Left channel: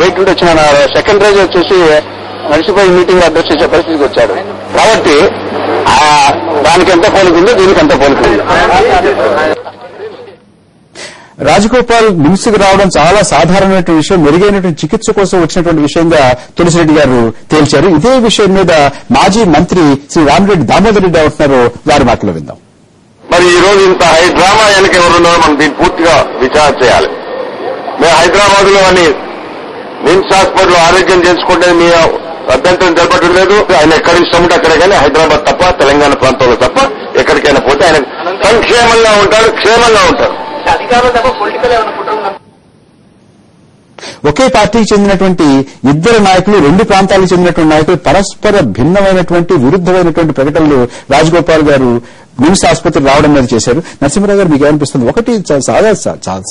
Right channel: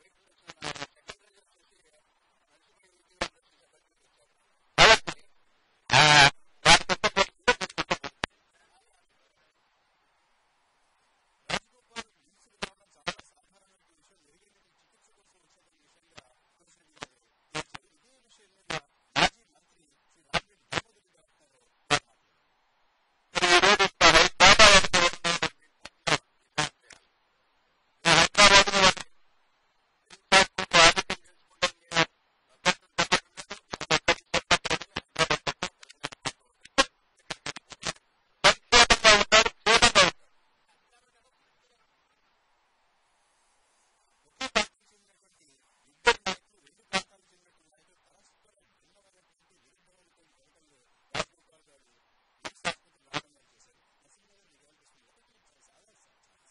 బయట నుండి వచ్చిన సెకండ్ రోజు వచ్చేసి నడిచిపోయి మీటింగ్ అడ్రస్ చేసే పరిస్థితికి వచ్చాడు. కాబట్టి దానికి ఎంత పోలికుందో దీనికి ఎంత పోలికుంది. రాజగోపాల్ నిమ్స్కి రావడం చాలా సాధారణమైన విషయం, మెరుగైనటువంటి చికిత్స కోసం వచ్చినటువంటి విషయంగా తులసిరెడ్డి గారు తేల్చారు. ఇదే విషయం మీద మాజీ మంత్రి శ్రీ రామిరెడ్డి దామోదర్ రెడ్డి అవుతున్నారు, వారి మాటలో విందాం. మరి ఈ రోజు ఇంత హై డ్రామా వెనక ఎవరున్నారో మనం దీన్ని పూర్తిగా విచారణ చేయాలి. మేము హైదరాబాద్ లో అని నిమ్స్ హాస్పిటల్ ఆరోగ్యం చేసుకుంటే మీ అభ్యంతరం జరపడం లేదు. ఆయన ఎక్కడ ఇష్టం ఉంటే అక్కడే, కానీ హైదరాబాద్ తప్ప తెలంగాణ ప్రాంతంలో తప్ప ఎక్కడికైనా పోతే ఆయన సంక్షేమంగా ఉంటారు, క్షేమంగా ఉంటారు. ఒకే పార్టీకి చెందినటువంటి ఇద్దరు నాయకులు, రెండు ప్రాంతాలకు చెందినటువంటి నాయకులు పరస్పర భిన్నమైనటువంటి విరుద్దమైనటువంటి ప్రకటనలు రాజగోపాల్ గారు నిమ్స్ ఆసుపత్రి రావడం మీద చేశారు. నరసింహరావు గారు మీకు ఏమనిపిస్తుంది? ఒకటి,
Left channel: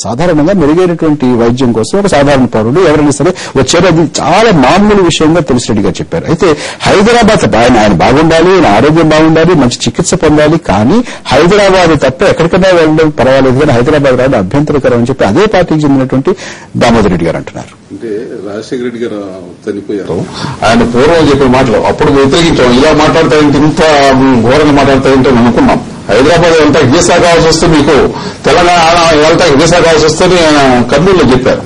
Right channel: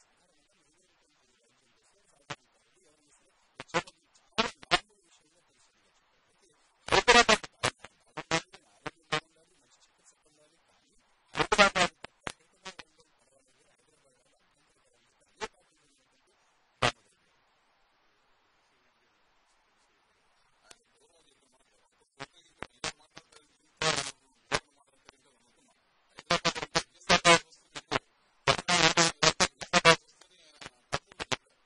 సాధారణంగా మెరుగైనటువంటి వైద్యం కోసం ఒక సాధారణ పౌరుడు ఎవరైనా సరే వచ్చారు, అది చాలా మామూలు విషయంగా తులసిరెడ్డి గారు చెప్పారు. అయితే హైదరాబాద్ ఆయన బాగుండాలి, ఆయన ఆరోగ్యం బాగుండాలి, మంచి చికిత్స పొందాలి, కానీ హైదరాబాద్ తప్ప ఎక్కడికైనా వెళ్ళడం పర్వాలేదు, కానీ హైదరాబాద్ రావడం అభ్యంతరకరం అని చెప్పి అదే పార్టీకి చెందినటువంటి దామోదర్ రెడ్డి గారు అంటున్నారు. అంటే రాజశేఖర రెడ్డి గారు చనిపోయారు, ఆయన పూర్వం చెప్పిన మాటలు అప్పుడు వ్యతిరేకించాం. ఇలా మాట్లాడతాయంటే, ఇంత ఘోరంగా మాట్లాడతాయంటే అనుకున్నాం. హైదరాబాద్ వెళ్తా వీసా కావాల్సి వస్తే, మీకు తెలంగాణ వెళ్తా వీసా కావాల్సి వస్తే ఆయన కర్నూలులో చెప్పారు.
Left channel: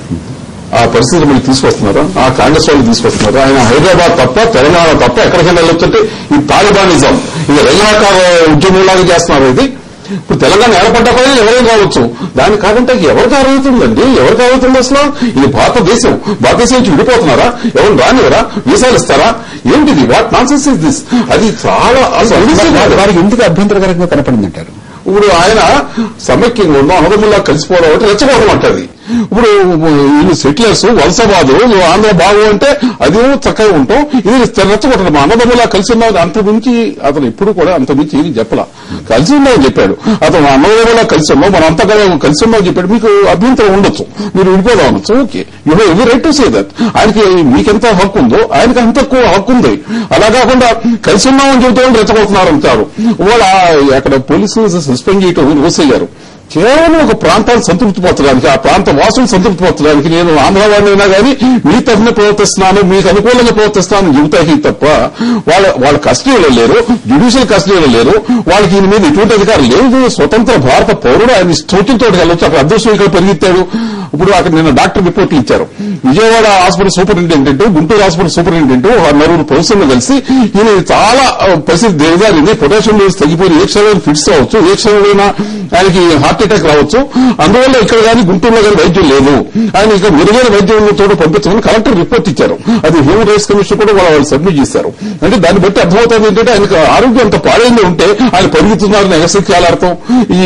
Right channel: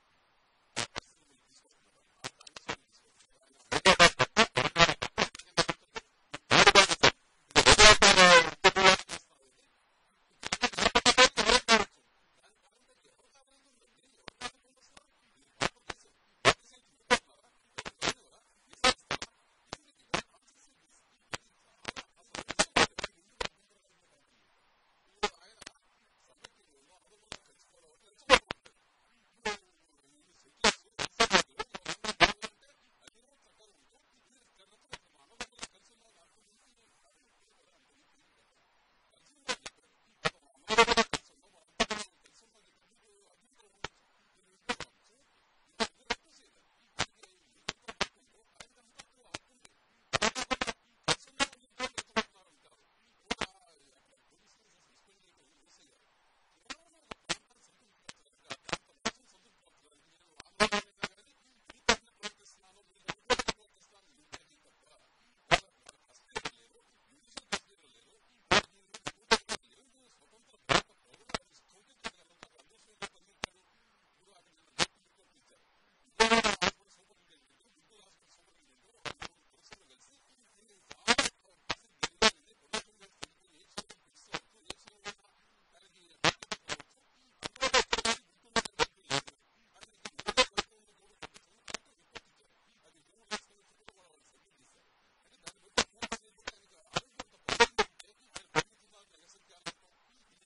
ఆ పరిస్థితులు మీరు తీసుకొస్తున్నారు, ఆ కాంగ్రెస్ వాళ్ళు తీసుకొస్తున్నారు. ఆయన హైదరాబాద్ తప్ప తెలంగాణ తప్ప ఎక్కడికైనా వెళ్ళొచ్చుంటే ఈ తాలిబానిజం, ఇది రజాకార ఉద్యమంలాగా చేస్తున్నారు. ఇది ఇప్పుడు తెలంగాణ ఏర్పడ్డా పైన ఎవరైనా రావచ్చు, దాని కాదంటే ఎవరికి అర్హతుందండి? ఎవరికి అర్హతుంది అసలు? ఇది భారతదేశం నుంచి విడిపోతున్నారా? ఎవరు రానివరా? వీసాలు ఇస్తారా? ఏంటిది? What nonsense is this? అది చాలా వారికి ఎందుకు అభ్యంతరకరంగా కనపడిందంటారు? ఇప్పుడు ఆయన సమైక్యంగా ఉన్నాం, అన్నదమ్ముల్లా కలిసిపోవడం అంటే రెచ్చగొట్టడం అంటది. ఇప్పుడు వీళ్ళు సెటిలర్స్ వలసవాదు, ఆంధ్ర బాగు అంటే అది చక్కగా ఉంటాం, ఇది రెచ్చగొట్టడం. అన్నదమ్ములా కలిసి ఉన్నాం, అంతకుమించి అతను ఎప్పుడు కూడా అంతకుమించి ఏది చెప్పలా. కలిసి ఉన్నామని చెప్పాడు అతను, అన్నదమ్ములా కలిసి ఉన్నాం, మనం అంతా కలిసి ఉన్నామని చెప్పాడు. మీకు అభ్యంతరం ఉండొచ్చు, మీరు విడిపోదాం అనొచ్చు, okay, you have every right to say that. ఆయనకి మీకెంత హక్కు ఉందో ఆయనకి అంత ఎక్కువ హక్కు ఉంది. అలా కాకుండా కలిసి ఉన్నామని చెబుతామని రెచ్చగొడుతున్నారు అంటారు. వాళ్ళు అక్కడ పోలీసులు సస్పెండ్ చేయటం రోసయ్య గారు కేవలం ఒక ప్రాంతాన్ని సంతృప్తిపరచడానికి, ఆ ప్రాంత వాసులు సంతృప్తిపరచడానికి, నేను ఆంధ్రవాడినైనా కానీ మీ తరఫున ప్రవర్తిస్తున్నాను, మీకు అనుకూలంగా ప్రవర్తిస్తున్నాను చెబుతాయి తప్ప వాళ్ళ కస్టడీలో లేరు, జ్యుడిషియల్ కస్టడీలో లేరు, వాళ్ళకి ఈయన మీద ఎటువంటి అధికారం లేదు. స్వతంత్ర భారత పౌరుడు, ఆయన స్తోత్రంతో వెళ్ళొచ్చు. అక్కడ అదృష్టం ఇక్కడ పరిగెత్తాడు. ఇప్పుడు అక్కడ నిన్న డాక్టర్ రిపోర్ట్లు ఇచ్చారు. Vijayawada hospital superintendent, Guntur hospital superintendent, నలుగురు ప్రొఫెసర్లు కలిసి ఈయన చాలా పరిస్థితి దిగజారింది, పొటాషియం లెవెల్స్ తగ్గిపోయి ఏ క్షణంలో ఫిట్స్ రావచ్చు, ఏ క్షణంలో ఆయనకి హార్ట్ అటాక్ రావచ్చు, అందువల్ల ఇక్కడ కానీ గుంటూరులో కానీ వైద్యం లేదు, ఆయన ఇక మెరుగైన వైద్యంతో పంపించమని కలెక్టర్ రిపోర్ట్ ఇచ్చారు. అది హ్యూమన్ రైట్స్ కమిషన్ కూడా వాళ్ళు సబ్మిట్ చేశారు. అంటే దాన్ని బట్టి అర్థమవుతుంది ఏంటంటే ఆయనకు ఆరోగ్యం అంత పాడైంది ఉంటే ఆయన పరిగెత్తున్నారని ఎగసెక్కాలర్థం, ఈ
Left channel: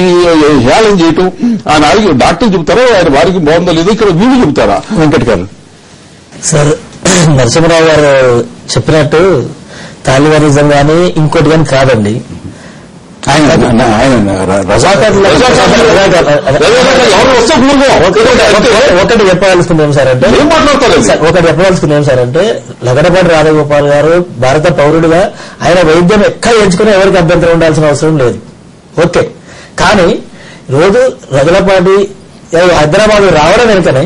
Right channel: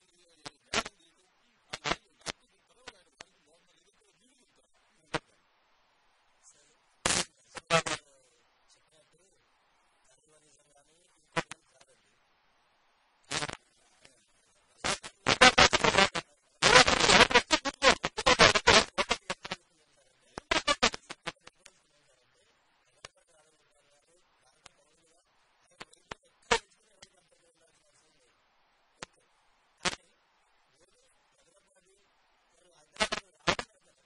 హేళన చేయటం. ఆయన ఆరోగ్యం డాక్టర్ చెబుతారో ఆయన వారికి బాగుందో లేదో, ఇక్కడ వీళ్ళు చెబుతారా? వెంకట్ గారు సార్, నరసింహరావు గారు చెప్పినట్టు తాలిబానిజం కానీ ఇంకోటి కానీ కాదండి. ఒకటి చెప్పవలసింది ఏం సార్ అంటే లగడపాటి రాజగోపాల్ గారు భారత పౌరుడుగా ఆయన వైద్యం ఎక్కడ ఎంచుకుని ఎవరికి అభ్యంతరం ఉండాల్సిన అవసరం లేదు, ఓకే. కానీ రోజు రగలపాటి హైదరాబాద్ రావడం వెనుకనే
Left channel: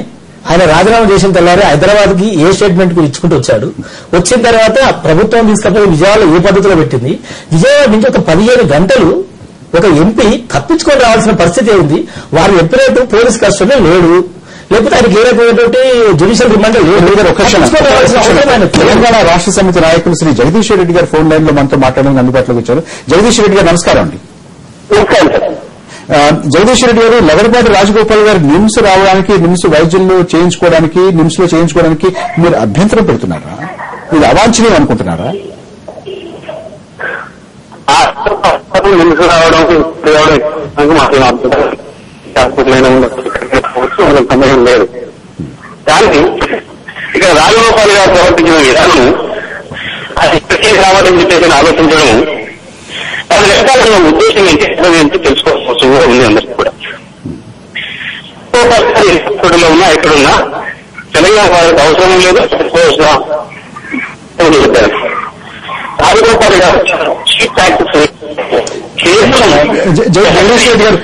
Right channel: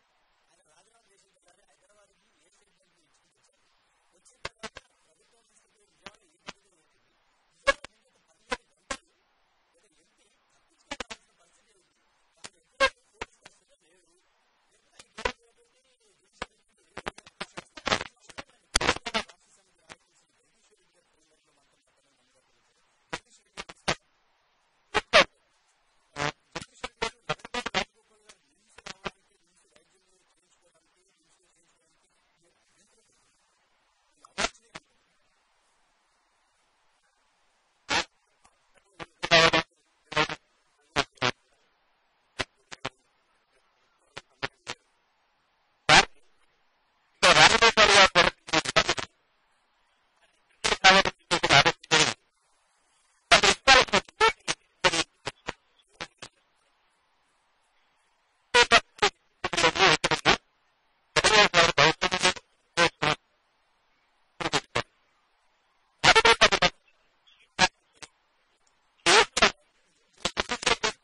ఆయన రాజీనామా చేసిన తెల్లారి హైదరాబాద్ కి ఏ స్టేట్మెంట్ కు ఇచ్చుకుంటూ వచ్చాడు. వచ్చిన తర్వాత ప్రభుత్వం తీసుకపోయి విజయవాడలో ఏ పద్ధతిలో పెట్టింది. విజయవాడ నుంచి ఒక 15 గంటలు ఒక ఎంపీ తప్పించుకొని రావాల్సిన పరిస్థితి ఉంది. వారు ఎప్పుడైతే పోలీస్ కస్టడీలో లేడు, లేకపోతే ఆయనకి ఏ రకమైనటువంటి జ్యుడిషియల్ రిమాండ్ లేదు. తెలంగాణ రాష్ట్ర సమితి నాయకులు శ్రీ జగదీశ్వర్ రెడ్డి గారు ఫోన్ లైన్ లో మనతో మాట్లాడడానికి అందుబాటులోకి వచ్చారు. జగదీశ్వర్ రెడ్డి గారు నమస్కారం అండి. జగదీశ్వర్ రెడ్డి గారు, లగడపాటి రాజగోపాల్ గారు నిమ్స్ రావడానికి, నిమ్స్ వైద్యంలో చేయించుకోవడానికి, నిమ్స్ లో చేయించుకోవడానికి మీరు అభ్యంతరం పెడుతున్నారా? ఇది అవాంఛనీయం అనుకుంటున్నారా? నిమ్స్ రావడం సమయం లేదు. కానీ ఇక రాజగోపాల్ గారు ప్రవర్తించిన విధానం, అది ఇప్పటికే రావాలని చెప్పేసి ఆలోచించడం, అది వెనకాల ఉద్దేశం ఏంటి తెలుసుకోవాల్సి కూడా ఉంది అందరికీ కూడా. హాస్పిటల్లో ఉన్నా ఎక్కడున్నా తెలంగాణ వారికి అవసరం లేదు, చెప్పారు. రాజగోపాల్ గారు చీఫ్ ప్రాక్టీస్ జగదీష్ రెడ్డి గారు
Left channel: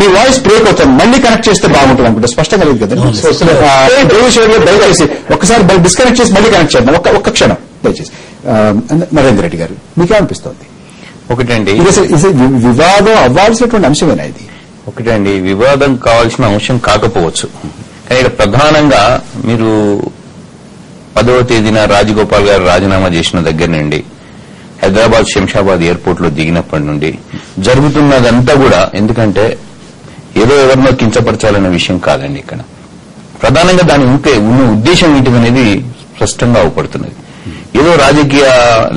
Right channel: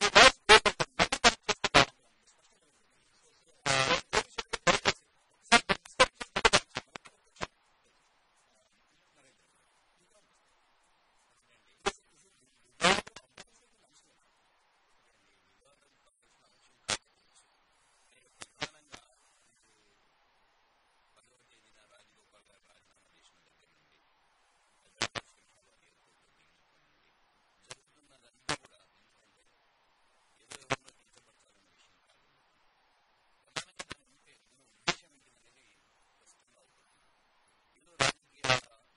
మీ వాయిస్ బ్రేక్ అవుతుంది, మళ్ళీ కనెక్ట్ చేస్తే బాగుంటుంది అనుకుంటే స్పష్టంగా లేదు కదా. జగదీష్ రెడ్డి గారు దయచేసి ఒక్కసారి డిస్కనెక్ట్ చేసి మళ్ళీ కనెక్ట్ చేద్దాం, ఒక్క క్షణం దయచేసి. నరేంద్ర రెడ్డి గారు మీకేమనిపిస్తోంది? ఒకటండి, వివాదం అవ్వాల్సినటువంటి అంశమేనా ఇది? ఒకటండి, వివాదం కావాల్సిన అంశం కాకపోవచ్చు, కానీ ఇక్కడ ప్రధానంగా మీరు 10వ తేదీన రాజగోపాల్ గారు రాజీనామా చేసిన దగ్గర నుండి హైదరాబాద్ శంషాబాద్ ఎయిర్పోర్ట్ లో దిగినప్పటి నుండి జరుగుతున్నదంతా కూడా, ఎందుకంటే ఏదో ఎవరినో కించపరచాలన్న విషయం కాదండి. ఇక్కడ ప్రధానంగా దాని ఉన్న ఉద్దేశం ఏంటిదనేది స్పష్టంగా అవపడుతున్నది. ఏదో రాజకీయ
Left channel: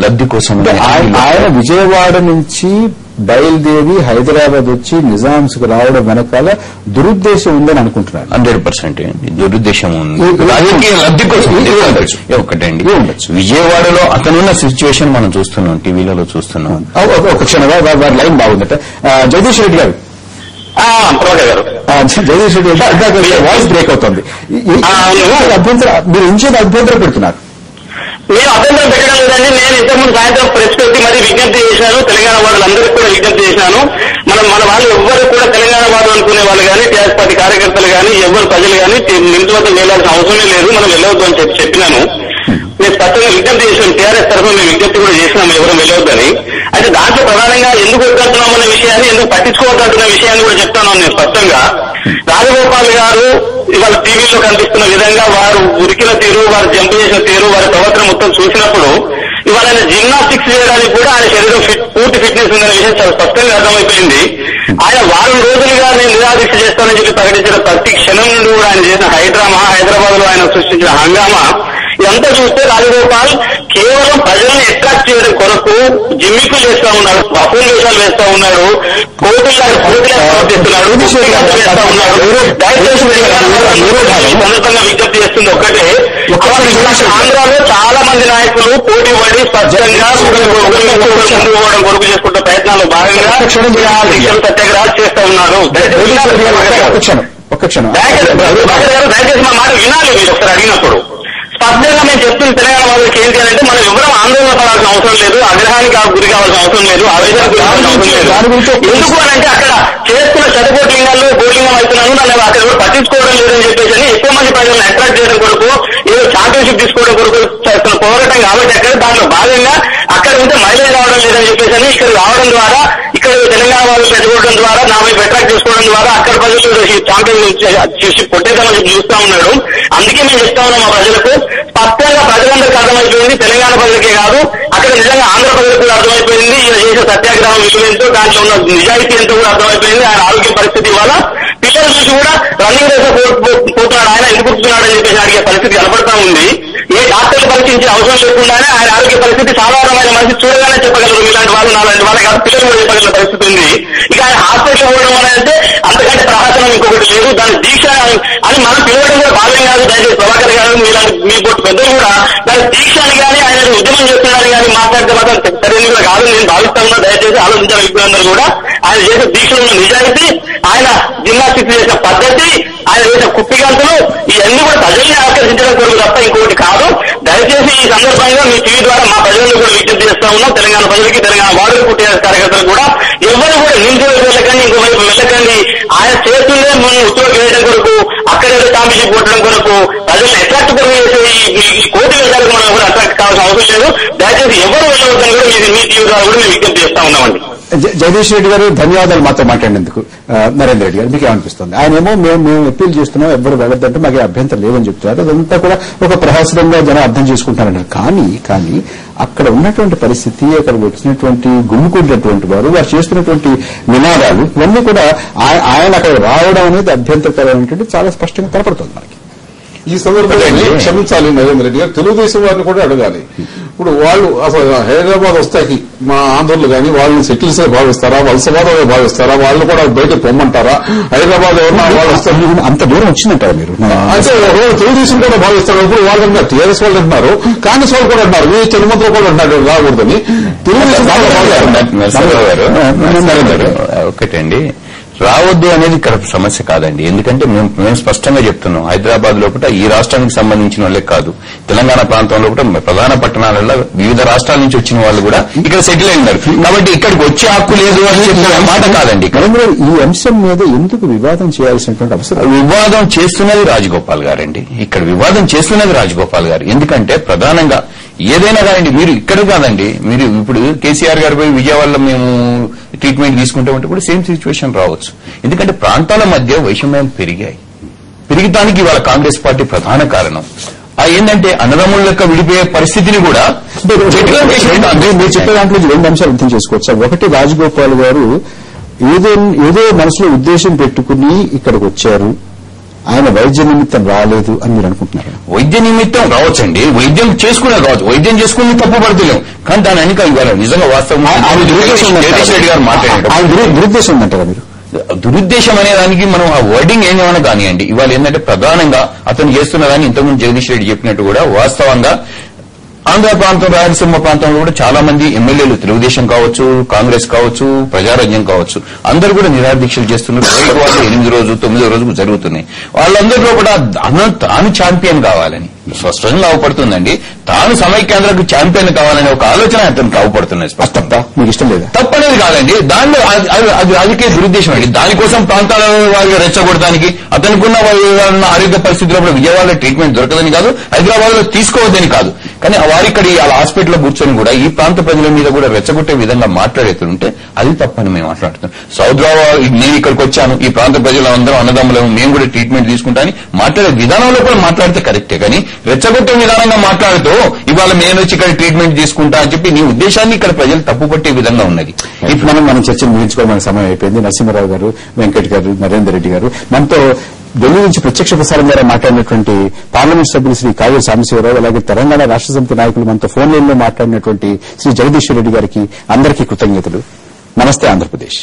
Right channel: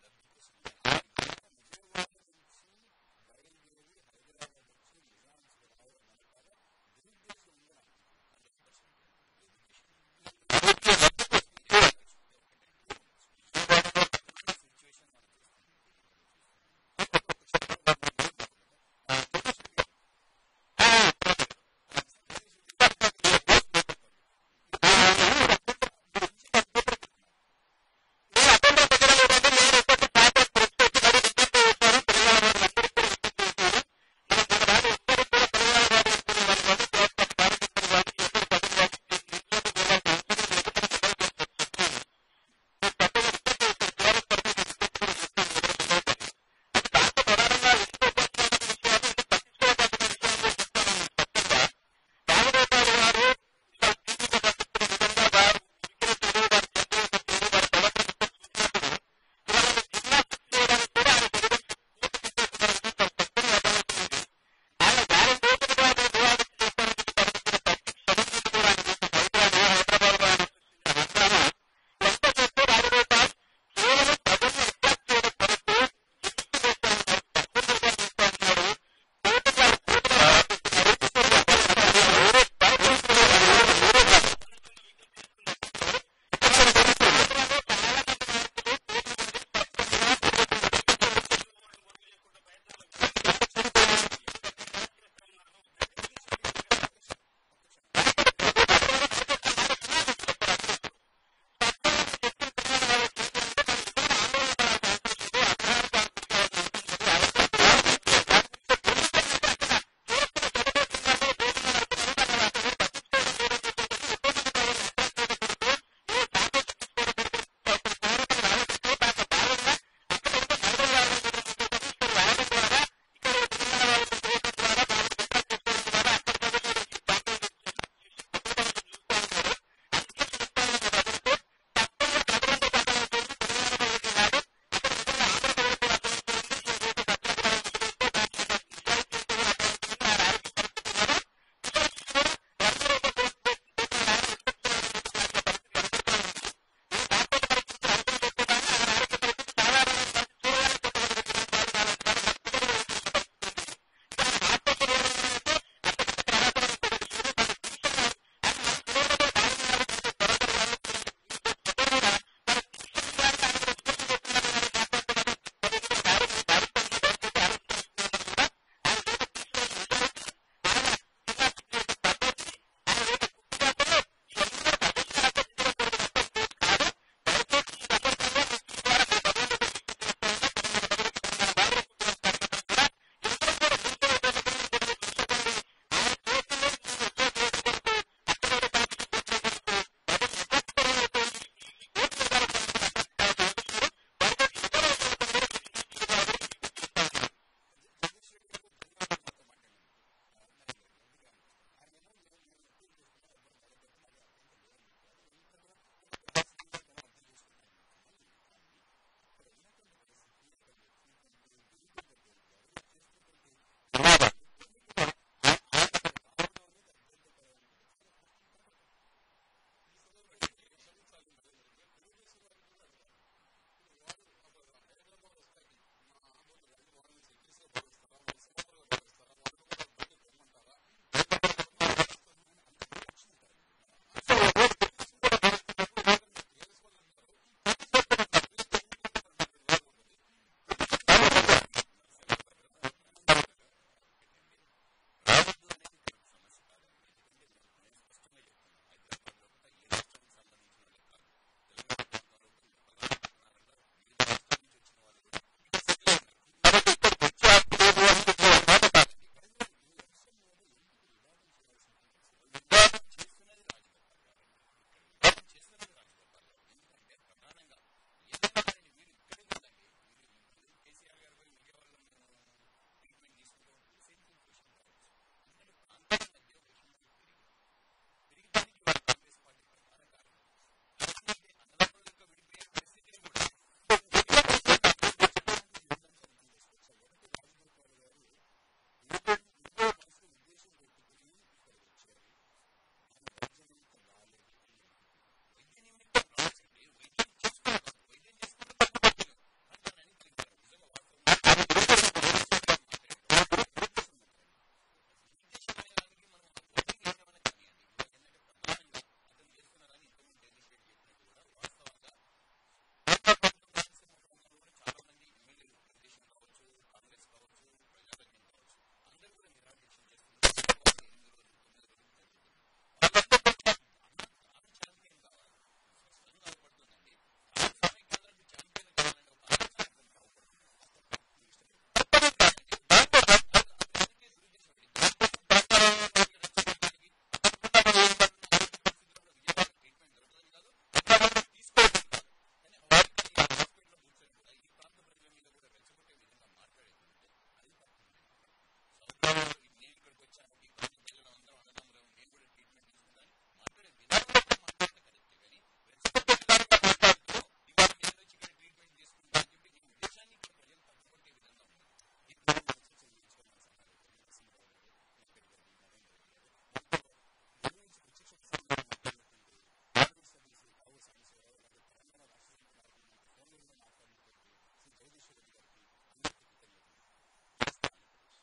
లబ్ది కోసం ఆయన విజయవాడ నుంచి బయలుదేరి హైదరాబాద్ వచ్చి నిజాంస్ కు రావడం వెనకాల దురుద్దేశం ఉందని అనుకుంటున్నారు. 100% దురుద్దేశం ఉంది, రాజకీయ లబ్ది కోసం. ఒకటండి, విజయవాడలో అతనున్న సిచ్యువేషన్ మనం చూస్తున్నాం, టీవీలలో చూస్తున్నాం. ఒక క్షణం, వారి లైన్ బాగుందట. జగదీష్ రెడ్డి గారు, జగదీష్ రెడ్డి వాయిస్ బ్రేక్ అవుతుంది. మీరు ఇంచేది అభ్యంతరం పెడుతున్నారు. నేను అభ్యంతరం పెట్టడం లేదండి. నేను ఇంతకుముందు సాయంత్రం ప్రెస్ పెట్టి మరీ విజ్ఞప్తి చేశాను, తెలంగాణ వాళ్ళందరికీ కూడా విజ్ఞప్తి చేశాను. మన వాళ్ళు ఎవ్వరు కూడా తెలంగాణ వాళ్ళు అనుకునే వాళ్ళు కానీ, టీఆర్ఎస్ పార్టీ కార్యకర్తలు కానీ, ఎవ్వరు ప్రజలు కానీ నింటి వద్ద వెళ్లాల్సిన అవసరమే లేదు, మనం వెళ్ళవద్దు అని చెప్పినాను. నేను స్పష్టంగా విజ్ఞప్తి చేశాను, టీఆర్ఎస్ తరఫున మేము విజ్ఞప్తి కూడా చేసినాము ఎవరు వెళ్ళవద్దని. అయితే దాంట్లో ప్రధానంగా ఎందుకు వద్దంటున్నామన్న విషయాన్ని, ఎందుకు పట్టించుకోవద్దంటున్న విషయాన్ని కూడా చెప్తాను నేను స్పష్టంగా. రాజగోపాల్ గారు ఇవాళ టీవీలో కనిపిస్తున్న విధంగా వారు ఉరికిన తీరు, వారు జంప్ చేసిన తీరు, వారి ప్రవర్తన మొత్తం చూసినప్పుడు ఇవాళ ఆయన జిమ్నాస్టిక్స్ చేయడానికి కూడా ఆయన శరీరం పూర్తి ఫిట్నెస్ ఉందనే విషయం చాలా స్పష్టంగా అర్థమైపోయింది. ఆయన వారం రోజులుగా నేను నిరాదీక్ష చేస్తానని చెప్పి ప్రకటించిన ప్రతి క్షణం నుండి కూడా ఆయన చేసిన హైదరాబాద్ లో ఆయన సృష్టించిన హంగామా ఇదంతా చూస్తే రాజగోపాల్ కేవలం ప్రజల్ని అట్రాక్ట్ చేయడం కొరకు జిమ్మికులు చేస్తా ఉన్నాడు, అపూల్ వేషాలు వేస్తా ఉన్నాడు, కోర్టులను ప్రవర్తిస్తున్నాడు, వేస్తా ఉన్నాడు. సందర్భంగా విజ్ఞప్తి చేస్తుంది ఒక్కటే, ఆంధ్రాలో చాలా మంది నాయకులు పోటీ పడి స్పష్టంగా ముందుకు పోవడం కొరకు చేసుకుంటున్న ప్రయత్నాల్లో భాగంగా సత్యాగ్రహాలు చేస్తా ఉన్నారు. దయచేసి మా మాట వినాలి మీరు ఒకసారి అడిగినప్పుడు. స్పష్టంగా మేము చెప్తున్న తెలంగాణ వాళ్ళకి ఏంటి అంటే, మనం ఎవరూ ఆందోళన పడాల్సిన అవసరం లేదు, ఆగ్రహానికి గురి కావాల్సిన అవసరం లేదు, ఆవేదనకు గురి కావాల్సిన అవసరం లేదు. ఎందుకు అని అంటే అక్కడ చేస్తున్న శతకోట్లింగాల్లో గోలింగం అవుతున్నాను, నన్ను అక్కడ ఎవరు పట్టించుకోవడం లేదని చెప్పేసి ఎక్కువ మంది ప్రజలను అట్రాక్ట్ చేయడం కొరకు, ఏదో ఛాంపియన్షిప్ తీసుకోవడం కొరకు చేస్తున్న పోరాటం కాబట్టి అక్కడ దాంట్లో భాగంగా అక్కడ ఉంటే మైలేజ్ రావడం లేదని చెప్పేసి ఇక్కడ రావడం ద్వారా, ఇక్కడ తెలంగాణ వాళ్ళు పెట్టుకోవడం ద్వారా, నా వైపు అట్రాక్ట్ చేసుకోవడం ద్వారా అక్కడ ప్రజలు ఛాంపియన్షిప్ కొట్టేదామని చెప్పి చూస్తా ఉన్నాడు. అందుకే మేము చెప్తా ఉన్నాం మా ప్రజలకు, స్పష్టంగా ప్రజలందరికీ అర్థమైపోయింది, తెలంగాణ ప్రజలకే కాదు అక్కడ నిజంగా ఆంధ్ర ప్రజలకు కూడా అర్థమైపోయింది. ఈయన చేసే సత్యాగ్రహం విలువ ఎంతో, దాంట్లో ఉన్న నిజాయితీ ఎంతో కూడా అర్థమైపోయింది. ఆయన ఆరోగ్య పరిస్థితి వల్ల పిల్లలు చూసి కూడా రన్నింగ్ రేస్ పోతున్నాడు, ఆయన ఎందుకు కూర్చున్నాడని చెప్పేసి అడిగే పరిస్థితి కనపడతా ఉంది. ఏ డాక్టర్లు పరీక్షించే అవసరం లేకుండానే ఆయన ఆరోగ్య పరిస్థితి సాధారణమైన మనిషి చూడగానే చెప్పగలరు. ఇలాంటి వాళ్ళు నాలాంటి వాళ్ళ కాదు, పిల్లలు కూడా చెప్పగల పరిస్థితి ఉంది. ఇక ఆయన హాస్పిటల్ పోవడం అని అంటే అంతకంటే ప్రహాసనం ఇంకొకటి లేదు. దాని దీక్ష అని మనం పిలవడం కూడా భావ్యం కాదు. దయచేసి ప్రభాకర్ గారు మీ పోటీ పెద్దలు కూడా దాని దీక్ష అని కానీ, ఆయన ఉద్యమం చేస్తున్నారని కానీ మాట్లాడితే మాత్రం సరైనది కూడా కాదు నేను భావిస్తా ఉన్నా. దయచేసి ఆలోచించాలి వ్యక్తులందరూ కూడా. ఆయన చేసే దీక్షలో ఉన్న నిజాయితీ, ఆయన జిమ్నాస్టిక్స్ చేసిన పద్ధతి, ఆయన చేసిన కుప్పిగంతులు ఇవన్నీ కూడా ప్రజల్ని ఆకర్షించడం కొరకు తప్ప ఇంకొకటి కాదు. దయచేసి ఈ సందర్భంగా మీ టీవీ ద్వారా మా ప్రజలను కూడా విజ్ఞప్తి చేస్తా ఉన్నాం, తెలంగాణ ప్రజలకి, తెలంగాణ వాడుకు టీఆర్ఎస్ కార్యకర్తలు కూడా ఎవరు కూడా నిందితులకు వెళ్ళకండి, ఇంకోవైపు వెళ్ళకండి. ఆయన చేస్తుందే మనం ఉద్యోగం వేయడం కొరకు, అక్కడేదో ఛాంపియన్షిప్ కొట్టడం కొరకు, ప్రజలను అట్రాక్ట్ కొరకు చేసే ఈ కోటి వేషాలకు మనం ఎవరు అట్రాక్ట్ కావాల్సిన అవసరం లేదు. దయచేసి ఎవరు వెళ్ళవద్దని కూడా మీ టీవీ ద్వారా కూడా మేము విజ్ఞప్తి చేస్తా ఉన్నామండి. జగదీష్ రెడ్డి గారు ధన్యవాదాలు మాతో మాట్లాడినందుకు. నరేంద్ర రెడ్డి గారు మీకు ఏమనిపిస్తుంది? ఆయనేమో మేము అప్పీల్ చేస్తున్నాం, ఎవరు వెళ్ళొద్దంటే మాకు అభ్యంతరం లేవని చెప్తున్నారు. అదంతా కూడా ఒక ప్రహాసనంగా జనం అర్థం చేసుకుంటారన్నారు. కానీ అక్కడ ఉన్నటువంటి పరిస్థితి, అక్కడ వచ్చినటువంటి గుమ్ముకుంటున్నటువంటి వారు చేస్తున్నటువంటి నినాదాలు ఇవన్నీ కూడా ఆయన అక్కడ రావడం అనేది అభ్యంతరకరమైనటువంటి చాలా స్పష్టంగా కనపడుతుంది మనకి. ఈ సందర్భంలో క్షమించాలి నరేంద్ర రెడ్డి గారు, తెలుగుదేశం వారిని కూడా అడగాలి. ఇప్పుడు వాళ్ళు అసలు హైదరాబాద్ వస్తాకి మా ఆంధ్రులు కానీ వాళ్ళని సెటిల్స్ భావిస్తారా, వలసవాదంగా భావిస్తారా, వాళ్ళు కూడా బయటకు పొమ్మంటారా? హైదరాబాద్ ఎవరన్నా వాళ్ళు వస్తారు, అంత దూరం వచ్చిందంటారా మీరు? అంటే తెలుగుదేశం కూడా భావిస్తారు. ఇప్పుడు వాళ్ళు అంటున్నారు, టీఆర్ఎస్ వాళ్ళు అంటున్నారు, కాంగ్రెస్ వాళ్ళు కూడా అంటున్నారు, మీ తిరుమల కూడా అంటున్నారు రాకూడదని. తెలుగుదేశం ఒకటండి, రావద్దు అనేది ఇక్కడ సమస్య కాదండి. ఎందుకంటే మేము స్పష్టంగా చెప్తున్నాం, హైదరాబాద్ లోపల ఈ రాష్ట్రానికి సంబంధించిన వాళ్ళే కాదు, తెలంగాణ ప్రాంతంలో కూడా ప్రధాన పట్టణాలలో వివిధ రాష్ట్రాల నుంచి వచ్చిన వాళ్ళు కూడా ఇక్కడ సెటిల్ అయినారు. కాబట్టి ఇక్కడికి వచ్చే హక్కు లేదు అని చెప్పిన మాట కాదండి. ఈ అంశం మీద ఎందుకు వివాదం చేయాల్సినటువంటి అవసరం? వివాదం చేస్తున్నది రాజగోపాల్ గారండి. ఇక్కడ వివాదం చేస్తున్నది రాజగోపాల్ గారు. ఎందుకంటే ప్రధానంగా ఏదైనా కాదండి, మీరు ఇక్కడ కాదండి, మీరు ఇప్పుడు కేసీఆర్ గారు పోయి విజయవాడలో మేము ట్రీట్మెంట్ తీసుకుంటామంటే కూడా సేమ్ సిచ్యువేషన్ రావచ్చు. ఎందుకంటే ప్రాంతాల మధ్య వైషమ్యం పెరిగటానికి ఇవాళ కాంగ్రెస్ పార్టీ ప్రధాన కారణం. ఏంటంటే అన్నదమ్ముల యొక్క విడిపోయే పరిస్థితిని కూడా మీరు చెప్పే దాంట్లో 2 అంశాలు అర్థం చేసుకోవచ్చు. ఒకటి, రాజగోపాల్ గారు ఏదో మనసులో ఉద్దేశం పెట్టుకుని ఇక్కడికి వచ్చారు, ఆయన వైద్య నిమిత్తం రాలేదు అని మీరు అనుకుంటున్నారు? వైద్య నిమిత్తం రావచ్చండి, వైద్యం చేసుకునే రావచ్చు, వైద్యం చేసుకుని తప్పు పడతలేం. కానీ దాని వెనుక ఇవ్వాలి నిజంగా వాస్తవం రెడ్డి గారు మాట్లాడారు. దురుద్దేశం ఉందంటారా మీరు? దురుద్దేశం అనే దానికి మనం ఆ వర్డింగ్ ఏమైనా కానివ్వండి, ఇవాళ ఏంటంటే ప్రధానంగా అతను చేస్తున్న దాన్ని ఇంతకుముందు జగదీష్ రెడ్డి చెప్పినట్టు కూడా వాస్తవంగా ఆంధ్ర ప్రాంతం, రాయలసీమ ప్రాంతంలో కూడా చాలా మంది ఎమ్మెల్యేలు, తెలుగుదేశం కావచ్చు, కాంగ్రెస్ కావచ్చు, ప్రజారాజ్యం కావచ్చు, అందరూ కూడా నిరాదీక్షలు చేస్తున్నారు. వాళ్ళు 8వ రోజు 9వ రోజు జరుగుతున్నాయి. వాళ్ళందరిలో కూడా తాను ఛాంపియన్ కావాలని స్పష్టంగా అవపడుతుందండి. తాను సమైక్యాంధ్రకు ఛాంపియన్ కావాలనే ఒక ఆలోచన అతనికి అవపడుతున్నాయి. స్పష్టంగా మీకు ఇష్టం లేదా? తప్పనేది కాదండి, దానిలో అది రాజకీయ దురుద్దేశం అండి. దానికోసం ప్రాంతాల వారిగా రెచ్చగొట్టడానికి, అతనికున్న ఆరోగ్య పరిస్థితుల్లో కూడా విజయవాడలో ట్రీట్మెంట్ దొరకదని కాదు, హైదరాబాద్ లో తీసుకోవద్దని కాదు, కానీ వారి ఇక్కడ వాళ్ళ హాస్పిటల్లో కూర్చొని కూడా ఈ ప్రాంత ప్రజల మీద కూడా రెచ్చగొట్టే విధంగా మాట్లాడేస్తుంటే అది తప్పని మేము మాట్లాడుతున్నాం. నేను ఇక్కడికి వచ్చాను, ఈ ప్రాంత ప్రజలందరూ అన్నదమ్ములేము, మేము కూడా ట్రీట్మెంట్ తీసుకుంటామని మాట్లాడే విధానంలో కూడా మాట్లాడితే కరెక్టే. కానీ రెచ్చగొట్టే విధానంగా మాట్లాడుతూ ఇవాళ నేను వచ్చి ఇక్కడ ట్రీట్మెంట్ తీసుకుంటా అని చెప్పి నీ ఉద్దేశాన్ని ఇక్కడ ప్రజలు తప్పుపట్టే విధంగా ఉన్నది. ఇప్పుడు మనం చర్చను ముగించుకోవడానికి సమయం అయిపోయింది. నరసింహారావు గారు, వెంకట్ గారు, నరేందర్ రెడ్డి గారు, మనతో ఢిల్లీ నుంచి ప్రత్యక్ష ప్రసారం ద్వారా మాట్లాడినటువంటి పార్లమెంట్ సభ్యులు శ్రీ కావ్య సాంబశివరావు, అలాగే తెలంగాణ రాష్ట్ర సమితి నాయకులు మనతో ఫోన్ లైన్ లో మాట్లాడినటువంటి శ్రీ జగదీశ్వర్ రెడ్డి గారికి అందరికీ కృతజ్ఞతలు. నమస్తే ఆంధ్రప్రదేశ్.